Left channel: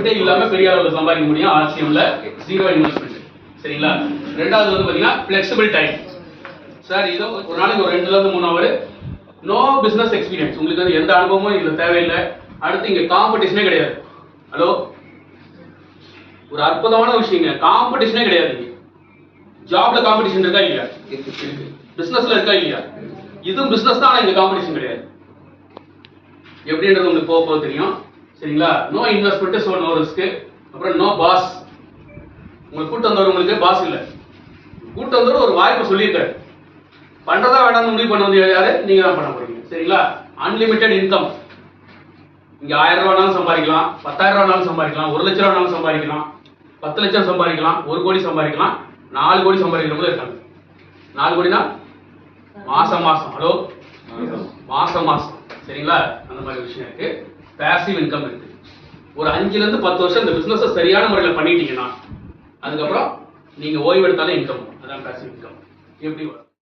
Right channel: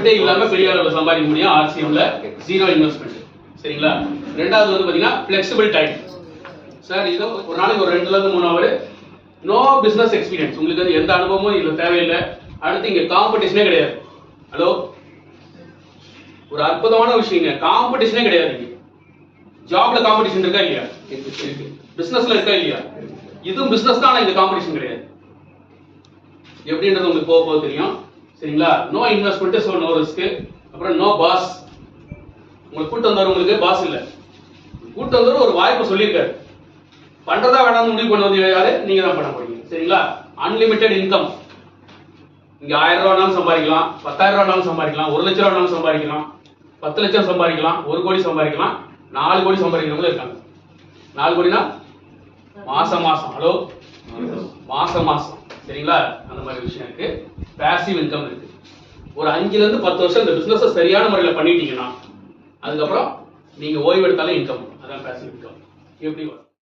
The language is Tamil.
இன்வெஸ்ட்மெண்ட்டே இல்லாம பெரிய அளவுல சம்பாதிக்க முடியும் ஆர்சிஎம்ல ஜீரோ இன்வெஸ்ட்மெண்ட். சரிங்களா? ரெண்டாவது வந்து பாத்தீங்கன்னா ஃபிளெக்சிபிள் டைம். சார் இதோ ஒரு நாளைக்கு ஒரு 2 ல இருந்து 3 ஹவர் நோ பிசினஸ் எக்ஸ்பீரியன்ஸ், உங்களுக்கு வந்து எந்த அனுபவமும் இதுல தேவையில்லை. அடுத்து இங்க காம்படிஷனே கிடையாது. ஹலோ, ஒரு அற்புதமான விஷயங்க, காம்படிஷனே கிடையாது. ஜாப்ல காம்படிஷன் இருக்கா இல்லையா? பிசினஸ்ல இருக்கா இல்லையா? இதுவும் பிசினஸ் தான், ஆனா இங்க காம்படிஷன் கிடையாது. எப்படின்றது உங்களுக்கு போக தெரியும். சரிங்களா? No investment, so no risk. அப்புறம் நோ பாஸ். உங்களுக்கு கூட்டு வந்தவர் உங்களுக்கு பாஸ் இல்ல, கூட்டு வந்தவர் ஒரு வாய்ப்பு சொல்லியிருக்காரு, பண்றதா வேணாம்னு முடிவு பண்ண வந்து யாரு? நீங்க தான் பண்ண போறீங்க. சரிங்களா? Unlimited income. இங்க 1000 ரூபாய் வேணாலும் சம்பாதிக்கலாம், 10,000 ரூபாய் வேணாலும் சம்பாதிக்கலாம், 1 லட்சம் ரூபாய் வேணாலும் சம்பாதிக்கலாம், 10 லட்சம் சம்பாதிக்கலாம், 1 கோடி சம்பாதிக்கலாம், 4 கோடி சம்பாதிக்கிறவங்க இருக்காங்க. 4 கோடினா மாசம் மாசம். ஹலோ, மாசம் மாசம். சரிங்களா? அந்த மாதிரி விஷயம் இருக்கு. பேசிவ் இன்கம் இருக்கு. ஒரு 5 ல இருந்து 10 வருஷம் இந்த பிசினஸ் சரியான முறையில் பண்ணிட்டீங்கன்னா அதுக்கப்புறம் நீங்க ஓய்வு எடுத்தாலும் இன்கம். அதான் பேசிவ் இன்கம். எப்படி